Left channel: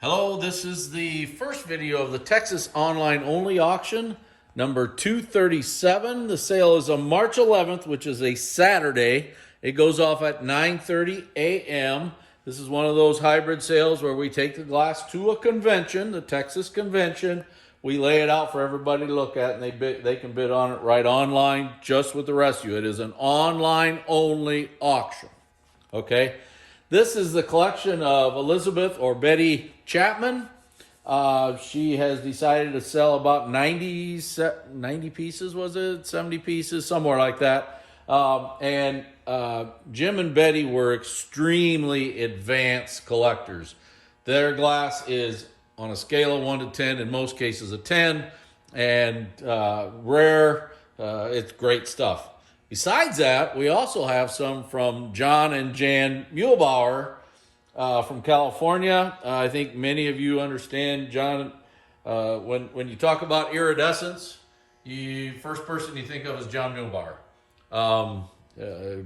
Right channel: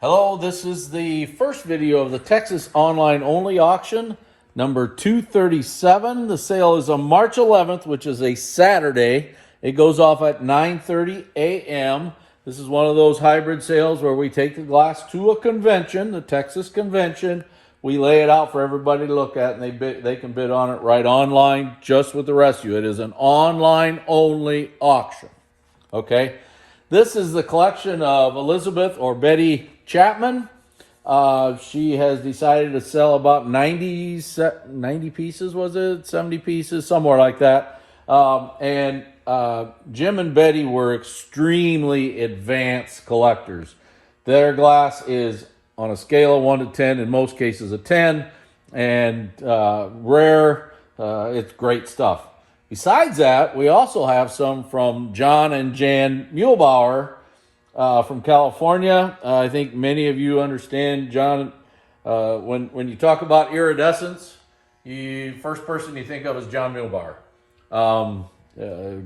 Hello, this is the first video of the Texas Online Only Auction, number 237. The sale is on March 11th, which is a Saturday. It goes off at 9:30 a.m. This is one of those hybrid sales where we take the glass to a convention, the Texas convention. We lay it out for everybody to look at, and they can bid on it right online, just with the rest of you. It is an online only auction. Okay? This is the collection of Elizabeth or Betty Chapman. She has decided to sell about 90 pieces, was it? 70 pieces, somewhere like that. Jim and Betty were extremely advanced collectors. Their glass is on a scale of 1 to 10, in most cases a 10, and rare. It's great stuff. Besides that, we also have some from John and Jan Muehlbauer from California. I think many of you understand, John, when you talk about iridescence, first person you think of is John Muehlbauer.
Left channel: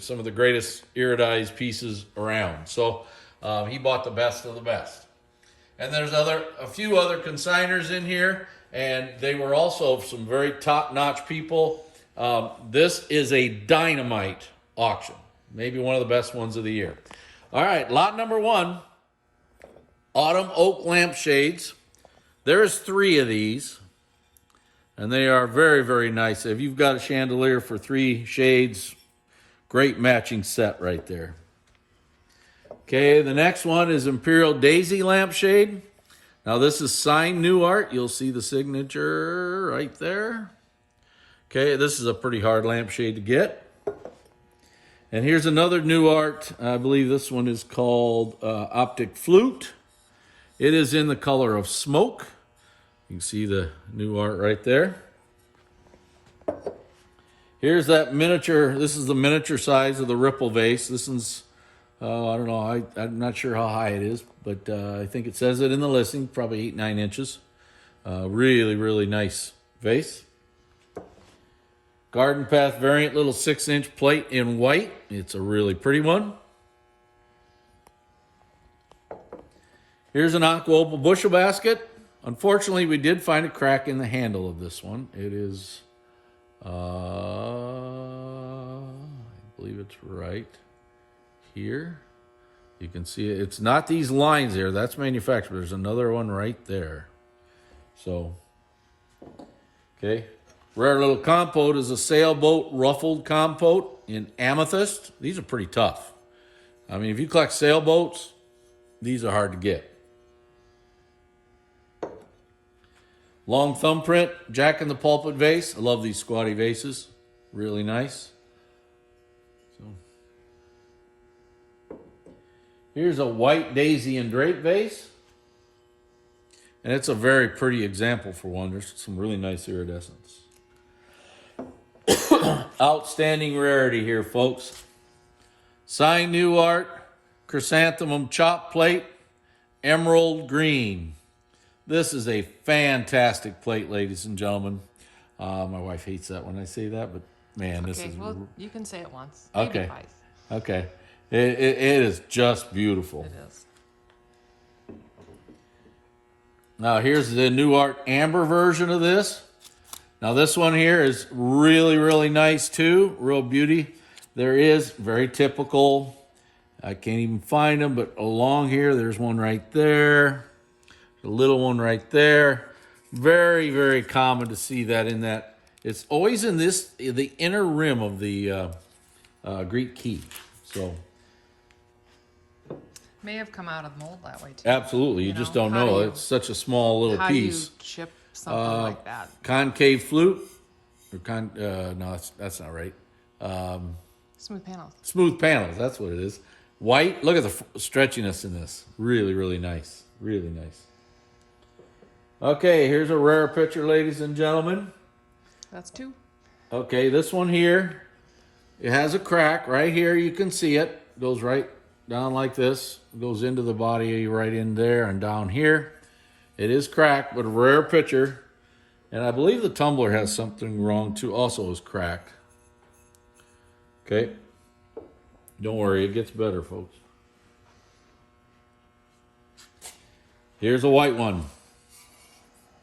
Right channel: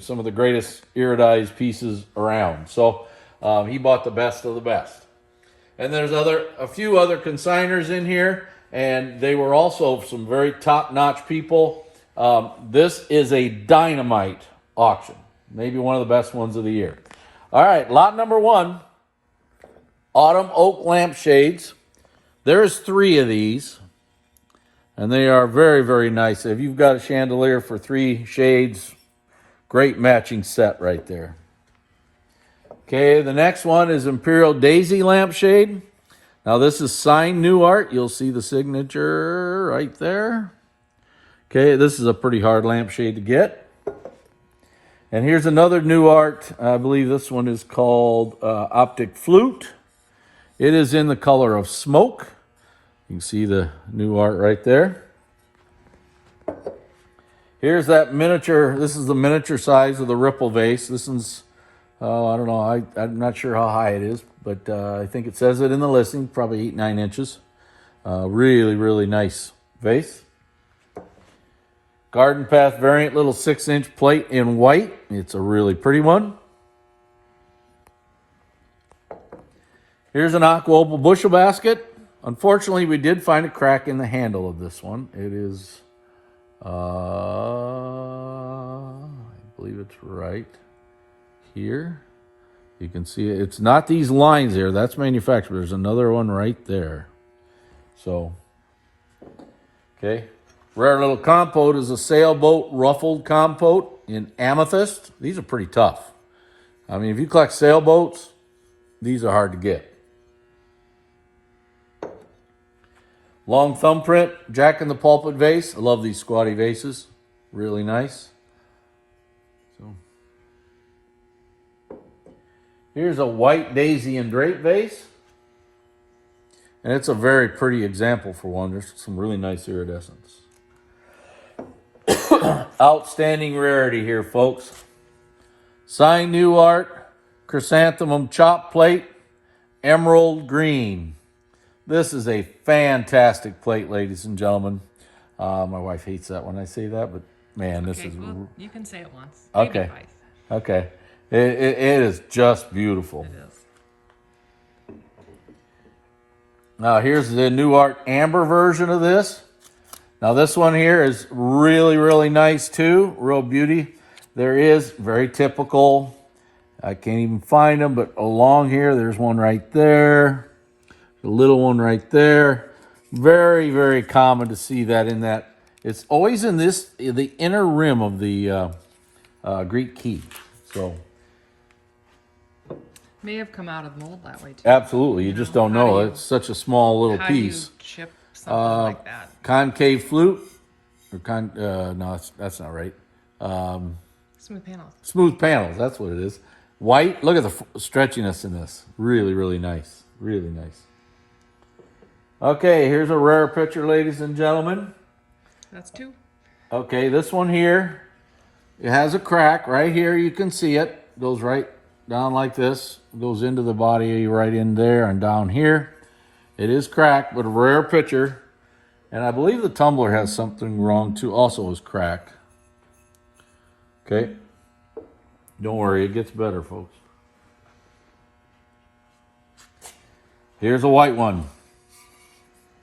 Some of the greatest iridized pieces around. So he bought the best of the best. And there's a few other consigners in here, and they were also some very top-notch people. This is a dynamite auction. Maybe one of the best ones of the year. All right, lot number 1, autumn oak lampshades. There's 3 of these, and they are very, very nice. If you've got a chandelier for 3 shades, great matching set right there. Okay, the next one is Imperial Daisy lampshade. Now this is signed new art. You'll see the signature right there. Okay, this is a pretty hard lampshade to get. And here's another new art. I believe this one is called Optic Flute. It is in the color of smoke. You can see the new art right there. Here's that miniature. This is the miniature size of the Ripple vase. This one's, I don't know, I'm not sure how high it is, but I think it says it in the listing, probably 8-9 inches. Really, really nice vase. Garden Path variant, little 6-inch plate in white. It's a really pretty one. Here's an aqua opal bushel basket. Unfortunately, we did find a crack in the handle of this one. It is, I believe it's right here. You can see it. It's not these lines there. That's manufactured. There's another one right there. So, okay. Rare Little Compote is a sailboat ruffled compote in amethyst. These are pretty tough. I mean, if you collect sailboats, these are hard to get. Long thumbprint, Jack in the Pulpit vase. I love these squatty vases. Really nice. So, here's a white daisy and drape vase. And it's a very pretty example for one. There's some really nice iridescence. Outstanding rarity here, folks. Signed new art, chrysanthemum chop plate, emerald green. This is a fantastic plate, ladies and gentlemen. My wife hates that when I say that, but man, this is... Well, you can say it once. Okay. Twice. Okay. It is just beautiful. It is. Now, here's the new art amber version of this. Now, this one here is really, really nice, too. Real beauty. There is very typical. I can't even find them, but along here, there's one right there. A little one right there. Very, very common to see that in that. It's always in the inner rim of the Greek key. So, May have come out of the mold that way, too. absolutely. You just don't know. It's such a small little piece. How do you ship something like that? Concave flute. Or no, that's not right. Smooth panels. Smooth panels, that's what it is. White, look at the stretchiness in this. Really, really nice. Really nice. Okay, here's a rare picture, ladies and gentlemen. That's 2. Okay, this one here, it has a crack right here. You can see it. Goes right down like this. Goes into the body right in there and down here. It is cracked, but a rare picture. And I believe the tumbler has something wrong too. Also is cracked. Okay. Don't worry, it gets better, folks. Here's a white one.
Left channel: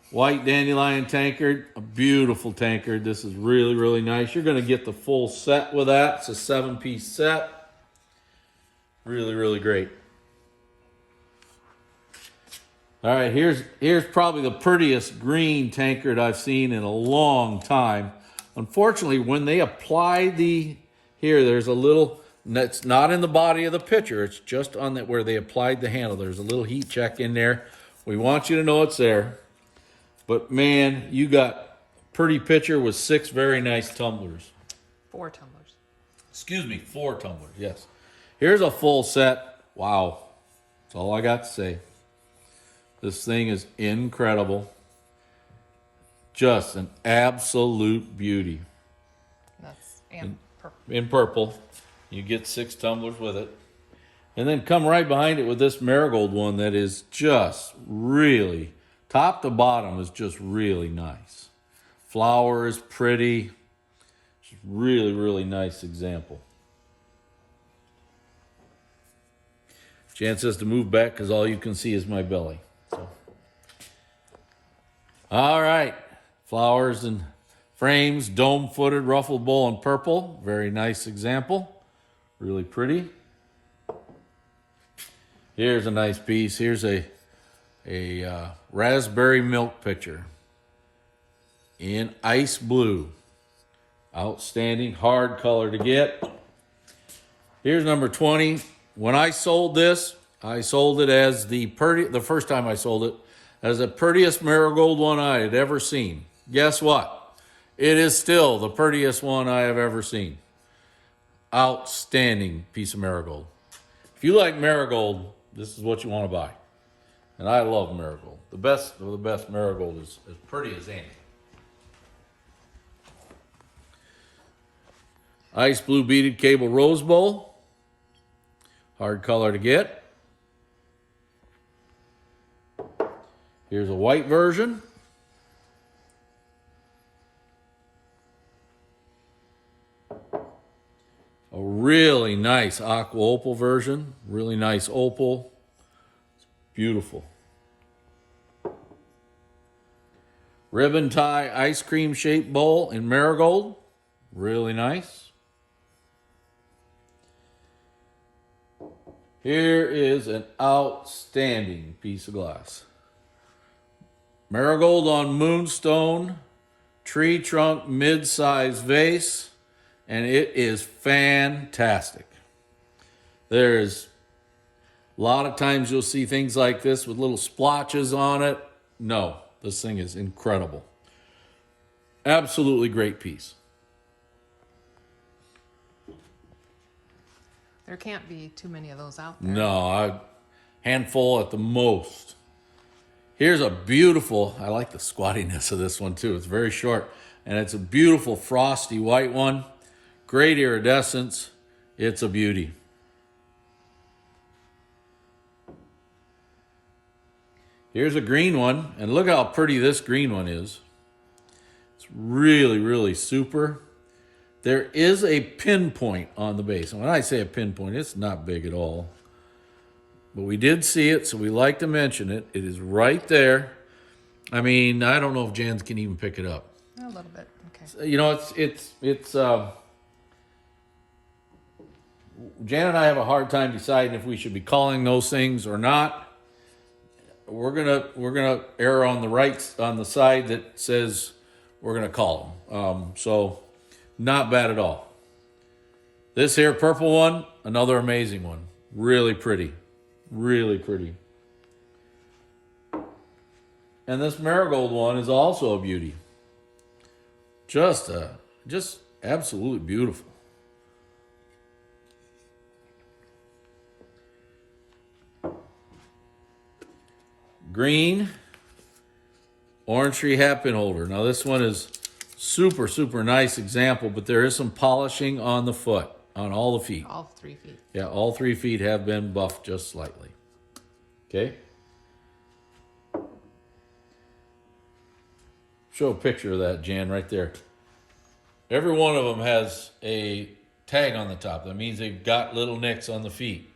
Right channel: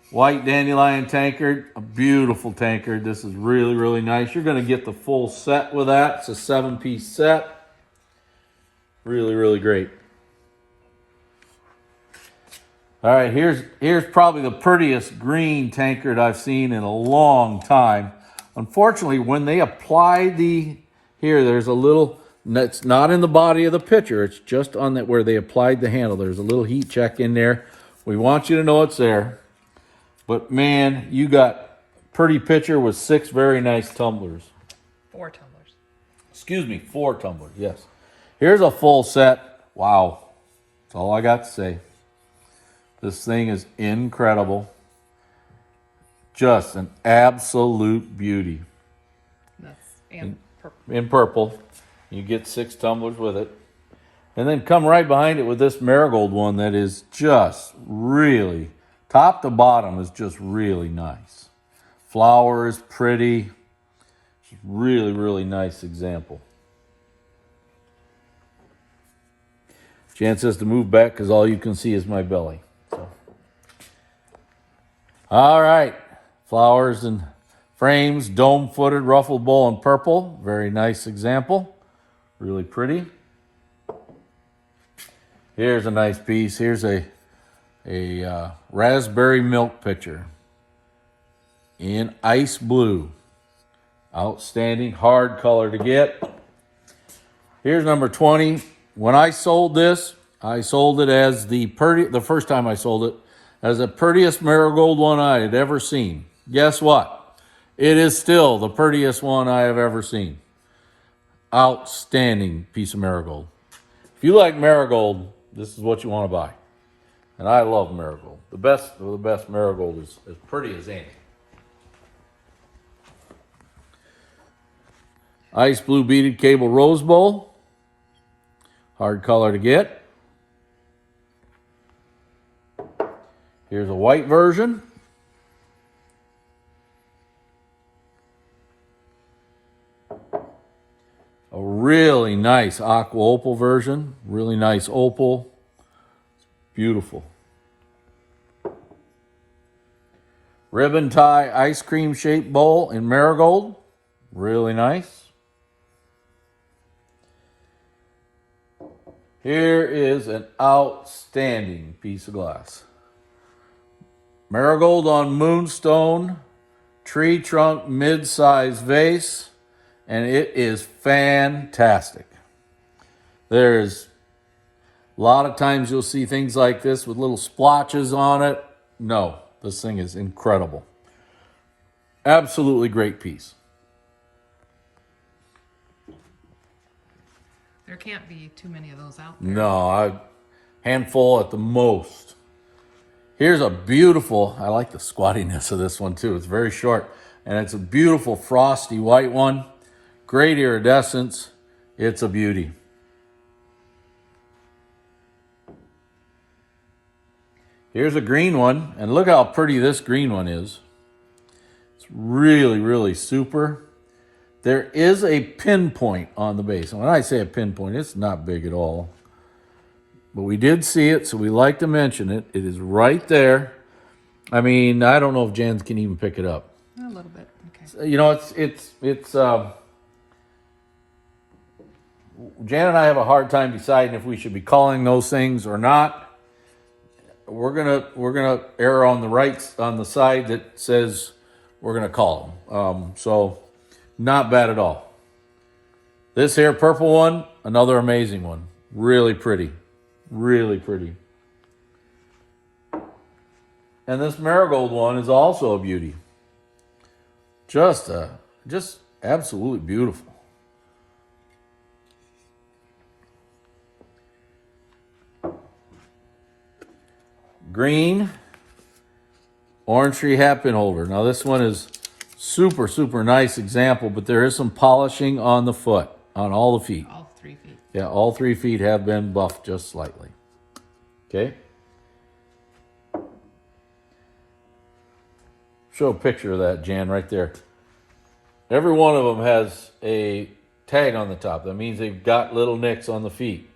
White dandelion tankard, a beautiful tankard. This is really, really nice. You're going to get the full set with that. It's a 7-piece set. Really, really great. All right, here's probably the prettiest green tankard I've seen in a long time. Unfortunately, when they apply there's a little, it's not in the body of the pitcher. It's just on that where they applied the handle. There's a little heat check in there. We want you to know it's there. But man, you got pretty pitcher with 6 very nice tumblers. 4 tumblers. Excuse me, 4 tumblers, yes. Here's a full set. Wow. That's all I got to say. This thing is incredible. Just an absolute beauty. That's purple. In purple. You get 6 tumblers with it. And then come right behind it with this marigold one that is just really, top to bottom is just really nice. Flower is pretty. Just really, really nice example. Jan says to move back because all you can see is my belly. So. All right. Flowers and frames, dome-footed, ruffled bowl in purple. Very nice example. Really pretty. Here's a nice piece. Here's a raspberry milk pitcher in ice blue. Outstanding, hard color to get. Here's number 20. When I sold this, I sold it as the first time I sold it, as the prettiest marigold one I had ever seen. Guess what? It is still the prettiest one I have ever seen. Outstanding piece of marigold. If you like marigold, this is what you want to buy. And I love marigold. The best of the best marigold is as pretty as any. Ice blue beaded cable rose bowl. Hard color to get. Here's a white version. A really nice aqua opal version. Really nice opal. Beautiful. Ribbon tie ice cream shaped bowl in marigold. Really nice. Here is an outstanding piece of glass. Marigold on moonstone, tree trunk mid-size vase, and it is fantastic. There's a lot of times you'll see things like this with little splotches on it. No, this thing is incredible. Absolutely great piece. There can't be too many of those out there. No, a handful at the most. Here's a beautiful, I like the squattiness of this one too. It's very short, and it's a beautiful frosty white one. Great iridescence. It's a beauty. Here's a green one, and look how pretty this green one is. It's really, really super. There is a pinpoint on the base. And when I say a pinpoint, it's not big at all. But we did see it, so we like to mention it. It is right there. I mean, I don't know if Jan can even pick it up. A little bit, okay. You know, Jan and I have a hard time deciding if we should be calling those things or not. We're gonna err on the side that says we're gonna call them. So not bad at all. This here purple one, another amazing one. Really pretty. Really pretty. And this marigold one is also a beauty. Just absolutely beautiful. Green orange tree hat pin holder. Now this one is super, super nice example, but there is some polishing on the foot, on all the feet. All 3 feet. Yeah, all 3 feet have been buffed just slightly. Okay? Show a picture of that, Jan, right there. Every one of them has a tag on the top. That means they've got little nicks on the feet.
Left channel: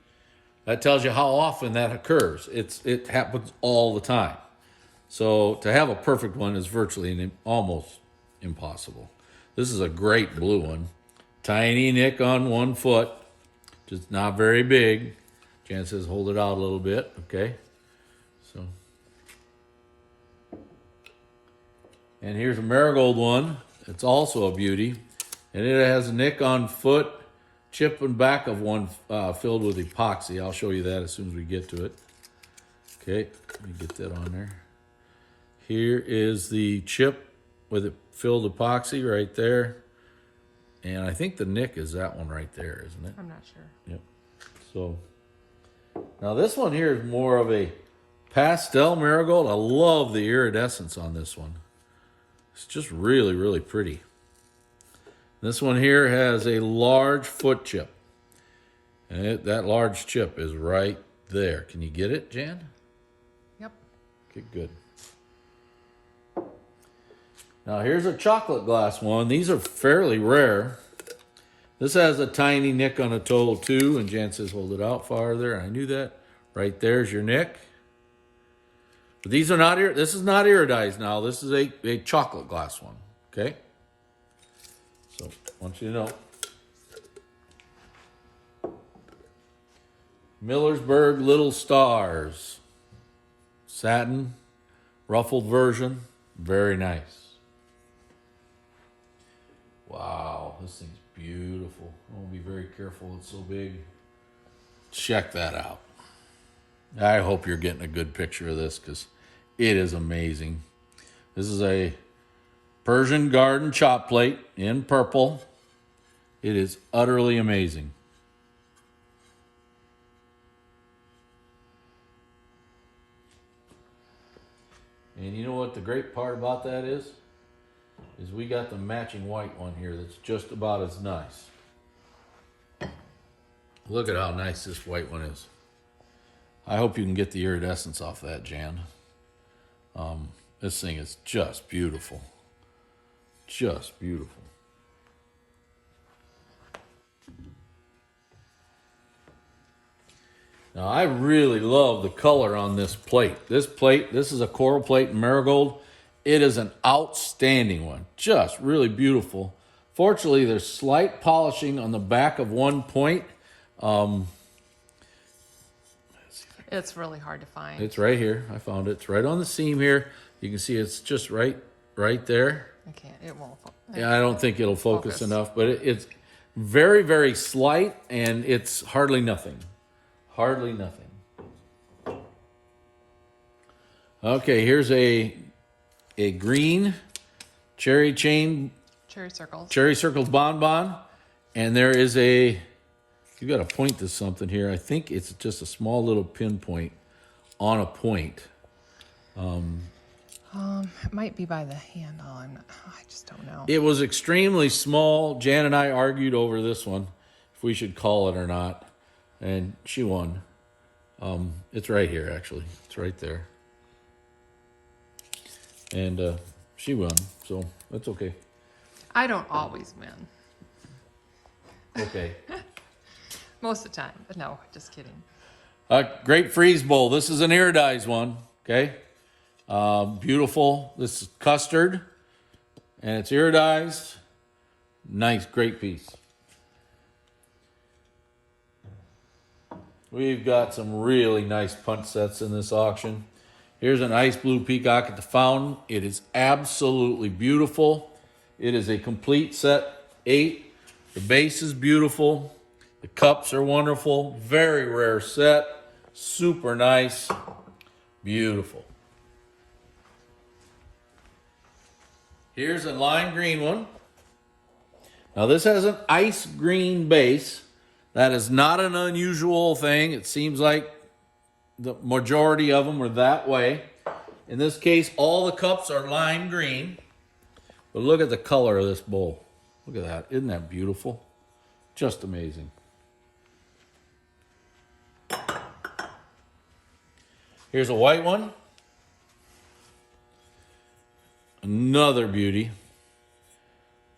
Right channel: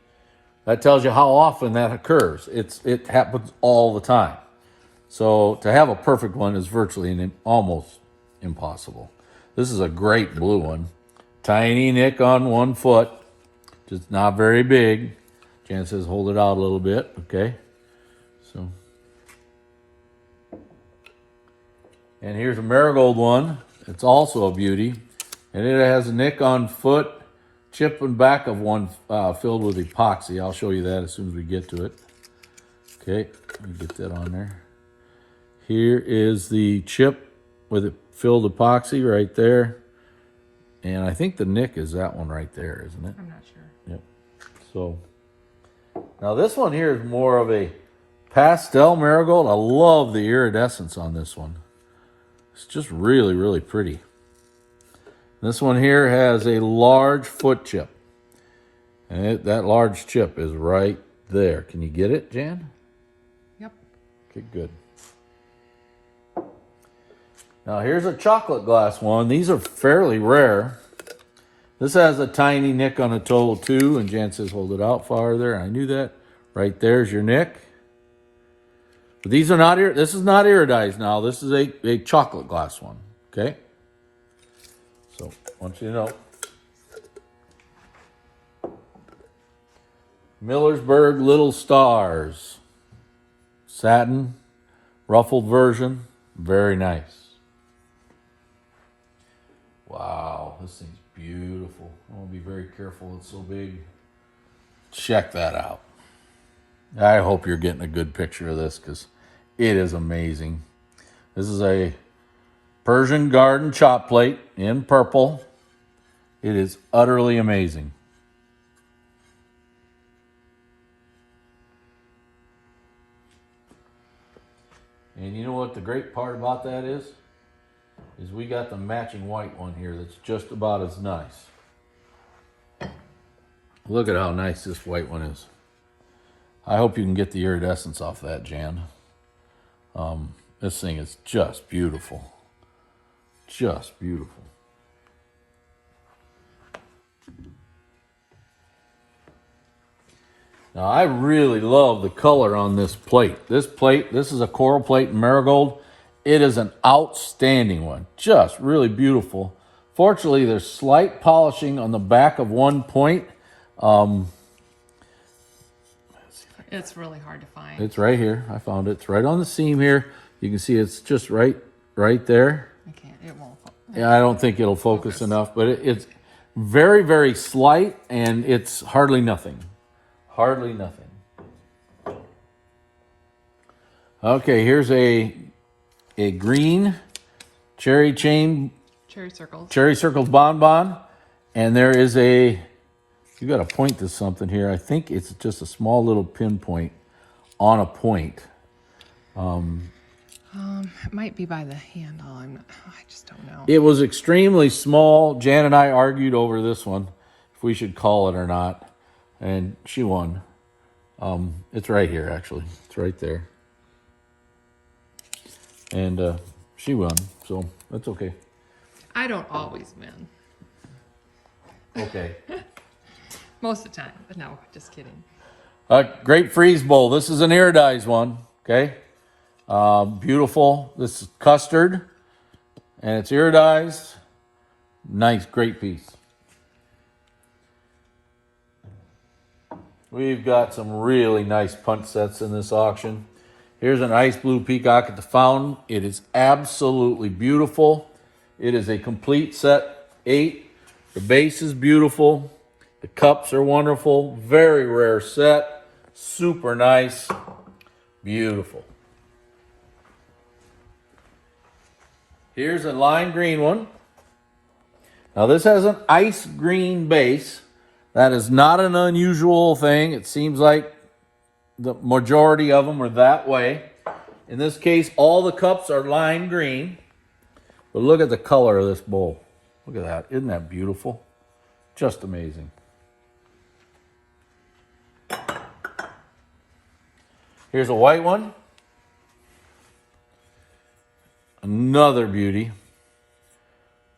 That tells you how often that occurs. It happens all the time. So to have a perfect one is virtually almost impossible. This is a great blue one. Tiny nick on 1 foot, just not very big. Jan says hold it out a little bit, okay? So, and here's a marigold one. It's also a beauty, and it has a nick on foot, chip and back of one filled with epoxy. I'll show you that as soon as we get to it. Okay, let me get that on there. Here is the chip with it filled epoxy right there. And I think the nick is that one right there, isn't it? I'm not sure. Yep. So, now this one here is more of a pastel marigold. I love the iridescence on this one. It's just really, really pretty. This one here has a large foot chip. And that large chip is right there. Can you get it, Jan? Yep. Okay, good. Now here's a chocolate glass one. These are fairly rare. This has a tiny nick on a toe too, and Jan says hold it out farther. I knew that. Right there's your nick. But these are not, this is not iridized now. This is a chocolate glass one, okay? So, I want you to know. Millersburg Little Stars. Satin, ruffled version, very nice. Wow, this thing's beautiful. I want to be very careful, it's so big. Check that out. I hope you're getting a good picture of this because it is amazing. This is a Persian Garden chop plate in purple. It is utterly amazing. And you know what the great part about that is? Is we got the matching white one here that's just about as nice. Look at how nice this white one is. I hope you can get the iridescence off that, Jan. This thing is just beautiful. Just beautiful. Now, I really love the color on this plate. This is a coral plate in marigold. It is an outstanding one. Just really beautiful. Fortunately, there's slight polishing on the back of one point. It's really hard to find. It's right here. I found it. It's right on the seam here. You can see it's just right there. I can't. It won't. Yeah, I don't think it'll focus enough, but it's very, very slight, and it's hardly nothing. Hardly nothing. Okay, here's a green cherry circles bonbon, and there is you got to point to something here. I think it's just a small little pinpoint on a point. It might be by the handle. I just don't know. It was extremely small. Jan and I argued over this one, if we should call it or not, and she won. It's right here, actually. It's right there. And she won, so that's okay. I don't always win. Okay. Most of the time, but no, just kidding. Great freeze bowl. This is an iridized one, okay? Beautiful. This is custard, and it's iridized. Nice, great piece. We've got some really nice punch sets in this auction. Here's an ice blue peacock at the fountain. It is absolutely beautiful. It is a complete set, 8. The base is beautiful. The cups are wonderful. Very rare set. Super nice. Beautiful. Here's a lime green one. Now this has an ice green base. That is not an unusual thing. It seems like the majority of them are that way. In this case, all the cups are lime green. But look at the color of this bowl. Look at that. Isn't that beautiful? Just amazing. Here's a white one. Another beauty.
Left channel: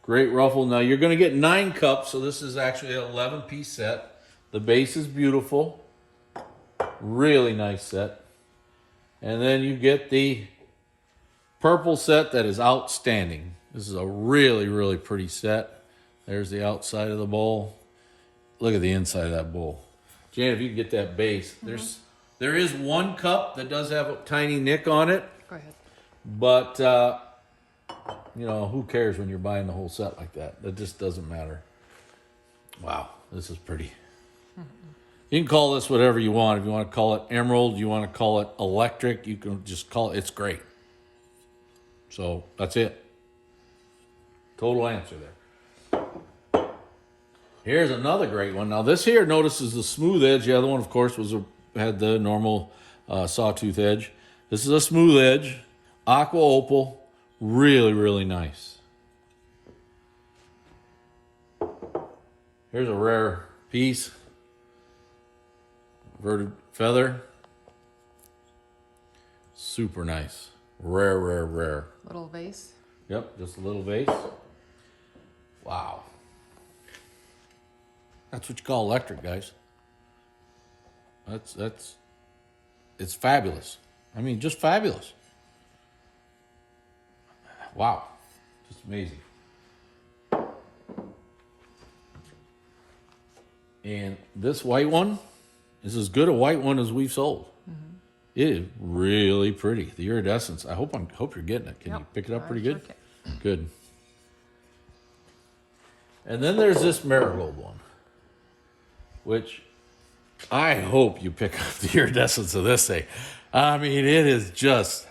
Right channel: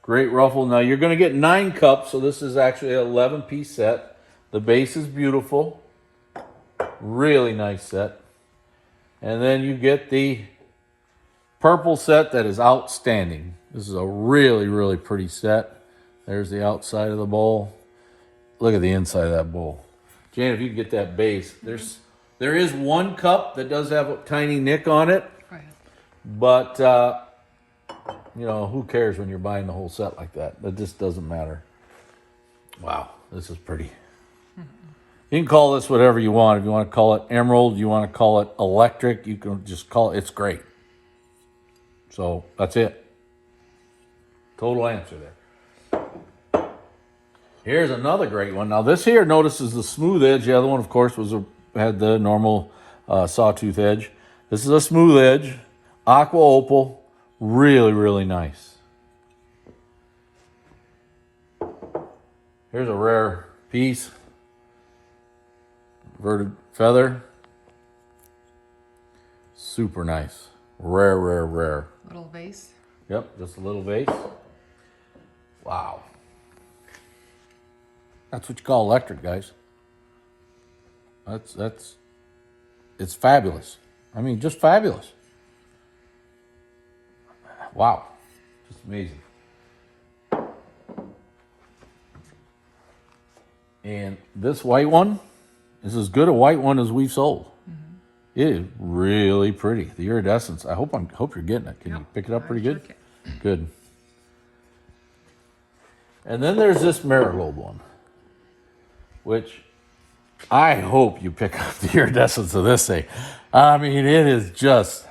Great ruffle. Now you're going to get 9 cups, so this is actually an 11-piece set. The base is beautiful. Really nice set. And then you get the purple set that is outstanding. This is a really, really pretty set. There's the outside of the bowl. Look at the inside of that bowl. Jan, if you can get that base. There is one cup that does have a tiny nick on it. Go ahead. But, you know, who cares when you're buying the whole set like that? That just doesn't matter. Wow, this is pretty. You can call this whatever you want. If you want to call it emerald, you want to call it electric, you can just call it. It's great. So that's it. Total answer there. Here's another great one. Now this here, notice, is the smooth edge. The other one, of course, had the normal sawtooth edge. This is a smooth edge, aqua opal, really, really nice. Here's a rare piece. Inverted feather. Super nice. Rare, rare, rare. Little vase. Yep, just a little vase. Wow. That's what you call electric, guys. It's fabulous. I mean, just fabulous. Wow. Just amazing. And this white one is as good a white one as we've sold. It is really pretty. The iridescence. I hope you're getting it. Can you pick it up pretty good? Good. And then there's this marigold one, which I hope you pick up the iridescence of this thing. I mean, it is just,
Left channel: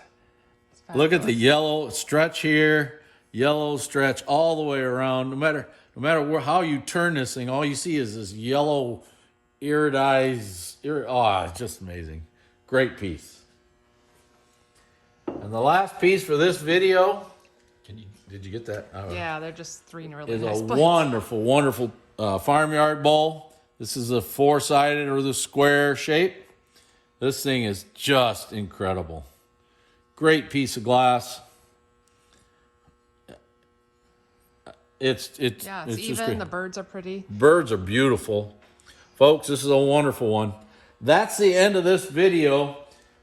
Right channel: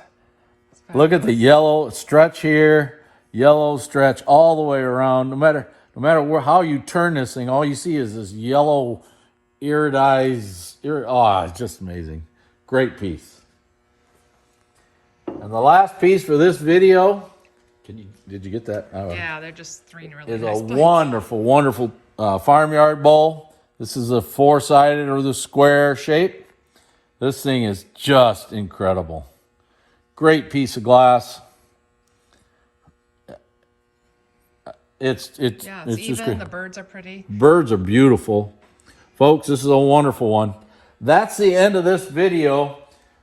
look at the yellow stretch here, yellow stretch all the way around. No matter how you turn this thing, all you see is this yellow iridized. It's just amazing. Great piece. And the last piece for this video, did you get that? Yeah, they're just three really is nice a plates. wonderful farmyard bowl. This is a four-sided or the square shape. This thing is just incredible. Great piece of glass. It's just even. great. The birds are pretty. Birds are beautiful. Folks, this is a wonderful one. That's the end of this video.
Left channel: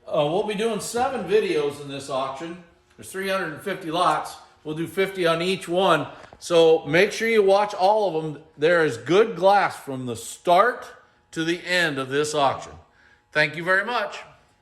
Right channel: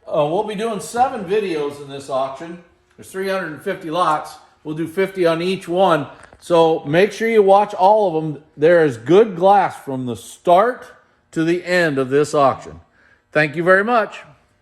We'll be doing 7 videos in this auction. There's 350 lots. We'll do 50 on each one. So make sure you watch all of them. There is good glass from the start to the end of this auction. Thank you very much.